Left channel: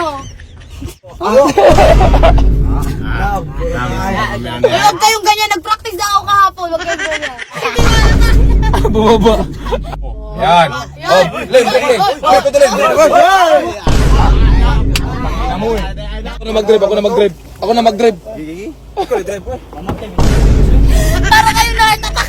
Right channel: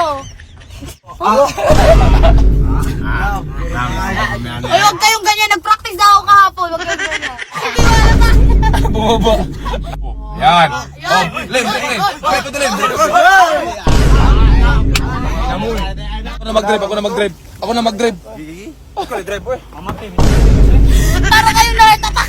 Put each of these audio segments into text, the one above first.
oh. Huwag kayong ganyan. Nag-practice na ako kahapon. Huwag kayong ganyan. Hindi wala sa akin. Bumaba. Yan. Oh, leg. Bakit ito leg? Ako na mag-drive. Ako na mag-drive. Ikaw i-drive po eh. Para kayong nakatatak.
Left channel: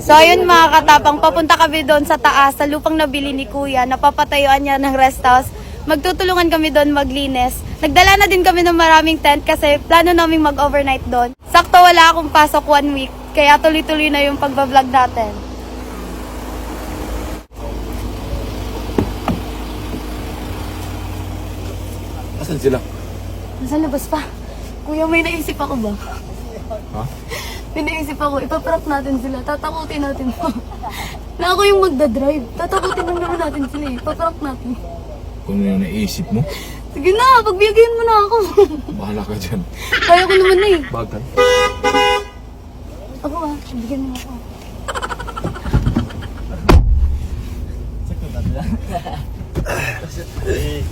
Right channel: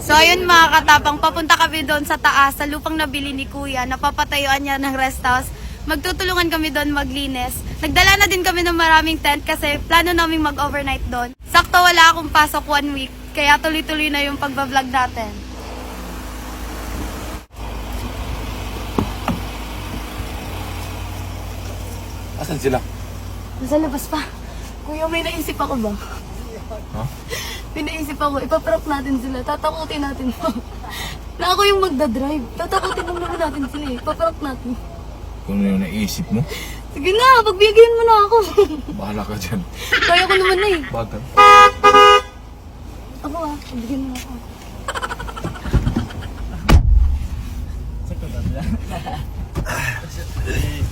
So ayun mga katapang, papunta kami doon sa taas, sa lupang nabili ni Kuya. Napapatayuan niya ng rest house. Magtutulungan kami doon maglinis. Nagdala na din kami ng maraming tent kasi plano naming mag-overnight doon. Sakto wala akong pasok 1 week, kaya tuloy-tuloy na yung pagbablog natin. Asan sila? Nasa labas pa. Kuya, may naisip ako ba? Ha? May naisip ako, ipaprank natin sila, tatakutin natin na ako yung magdadrive. Tatakutin lang naman natin sila eh, ipaprank natin. Kung ano yung naisip mo, Sige na, pagbigyan mo na ako. bahala ka dyan. Kaya ko naman na eh. Bagay. Ako bigyan mo ako.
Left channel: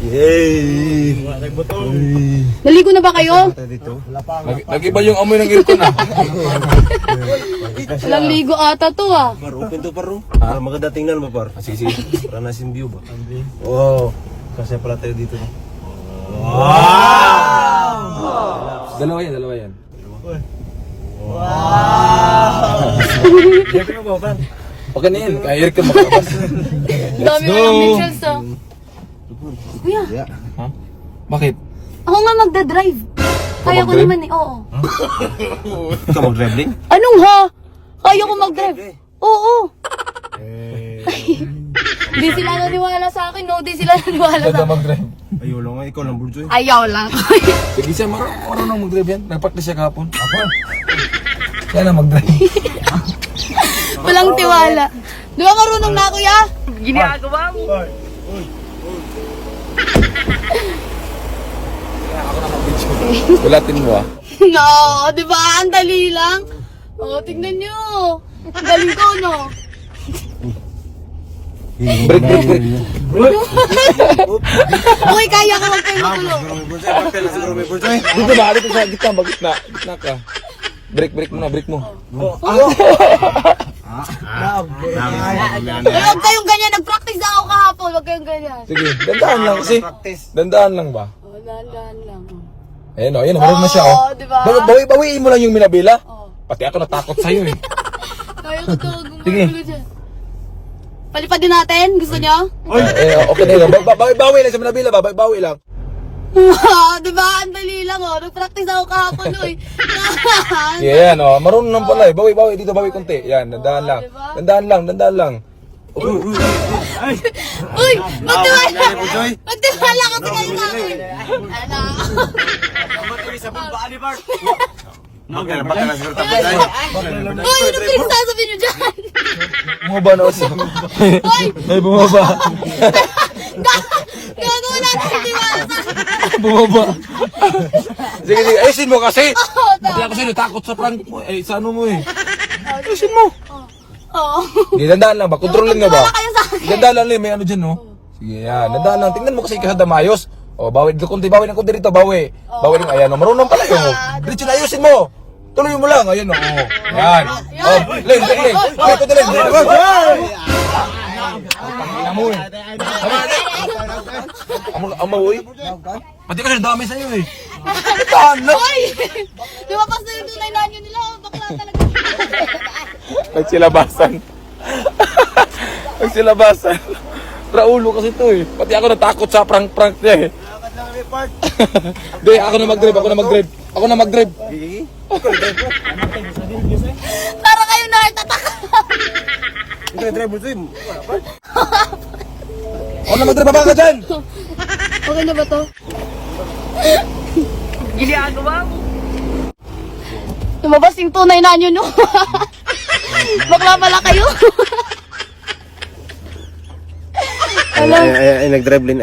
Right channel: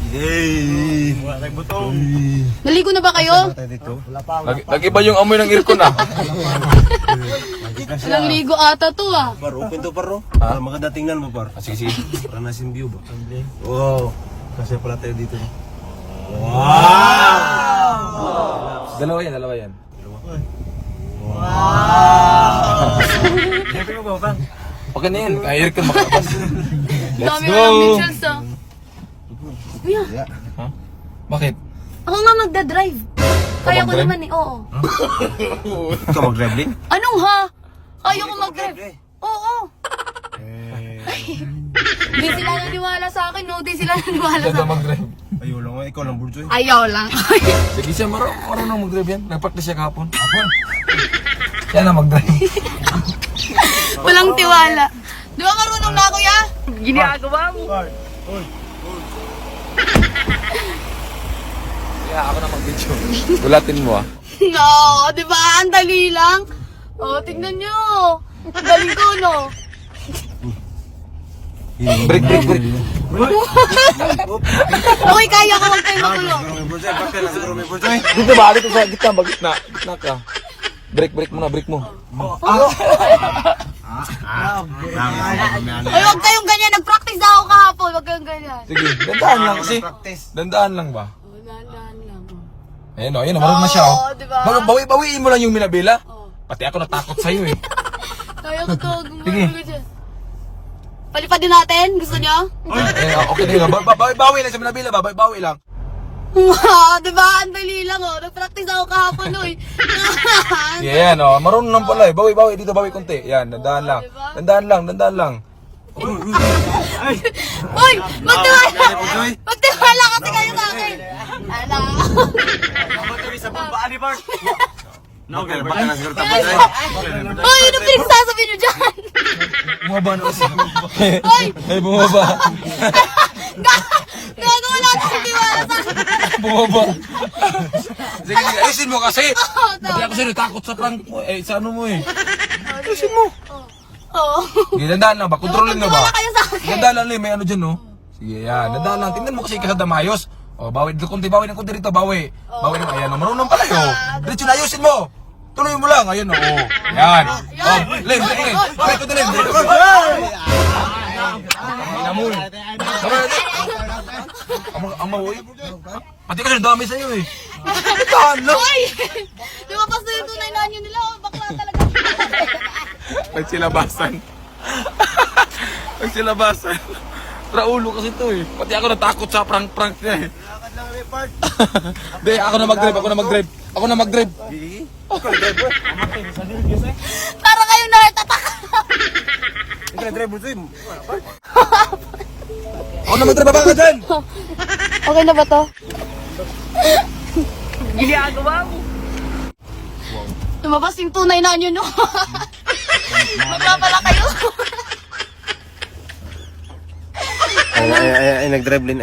Yay! Naligo na ba kayo? Lagi ba yung amoy ng aircon ah? Naligo ata to ah. Par, open to paro. Ha? Para maganda tingnan mo par. Sige. Para nasin view ba? Oo. Kasi pala tayo dito. No? Dalawa yan. Dito mo ba? Pag ganyan, kaya aircon makalabas. Dami mo ng pictures ah. Kuya, Ha? Bakit? ako nga magdadrive. Kaya ko mag-drive? naman eh, oo. Ikaw mag-traveling? Anong ha? Kaya ko mag-drive. Oo. Di sila naniwala sa akin, no? Di sila naniwala sa Ganda akin. mag-drive. Ayaw lang, ikaw lang Burjoy. Ayaw lang. Sige siya, marunong mag-drive yan. Nag-practice siya kahapon. Yan na mag-drive. Walang tiwala. Di ba marunong na kuya? Ginagawa mo. Ako na mag-video. Gulatin mo ah. No, di ba? Ang dali lang. Oh, tingnan nyo. Ang dali ko, no? Break. Okay, kaya ko magtayo magulo. Siguro may Burjoy, papel na siguro may Burjoy. Dito ba? Dito sa gitna, gitna ka. Break mo. Ay, huwag kayong ganyan. Nag-practice na ako kahapon. Huwag kayong ganyan. Sige, dandaan lang kasi. Dandaan lang ba? Oh, dahan-dahan lang. Ayun o, marunong na siya o. Oo, diba? Bawiin mo lang yung minabila. Oh. Pati ako natakot sa'yo eh. Kaya ko to. Sige. Gumugulo dyan. Palipad din natin? Gusto nyo? Okay na yun. Bawi lang sa minabila ba? Bawi lang. Diba? Ang dali lang, oh. Nag-practice ako kahapon, oy. Yeah, yan o. Marunong lang pala eh. Bawi dito, bawi konti. Yan, dandaan lang. Dandaan lang. Uy! Magtiwala kasi kayo sa akin. Baka na siguro tapos tayo. Uy! Ano pinagsasabi nyo dyan? Bumaba na ako. Uy! Ay, bumaba. Gago wala akong tiwala sa akin. Bumaba. Sige, ayusin mo kasi. Oo, Pati ako sa'yo, takot sa prank mo. Eh, sa ano mo eh. Ayusin mo. Oo. Sige, dandaan lang ba? Kontrolin na ba? Magtiwala kayo sa akin. Dandaan lang may ano dyan no? Sige, yan. Dandaan lang. Tingnan mo kasi kasada mayos. O, bawi ng konti rito, bawi. Bawi rin, ayan. Marunong pala yun. Diretso na, ayusin mo. Tuloy mo lang, ayun o. Yan. Oh, leg. Bakit ito leg? Amo eh. Amo eh. Pati kasi dami sa'yo eh. Tahan lang. Uy! Lumapas na yung tunay na nyo nila. Bakla talaga. Nagsilabasan. Raulo kasi to eh. Pati ako natakot sa prank niya eh. Lakad lang kami part. Hindi, ako na mag-drive. Ikaw drive mo. Para kayo nakatatak. Ikaw drive Burjoy. Ako na mag-drive, baba ka dyan. Okay na ba to? Ginagawa mo. Lumabas yung tunay na nyo, no? Bakla pala kayo. Ay, nag-drive din.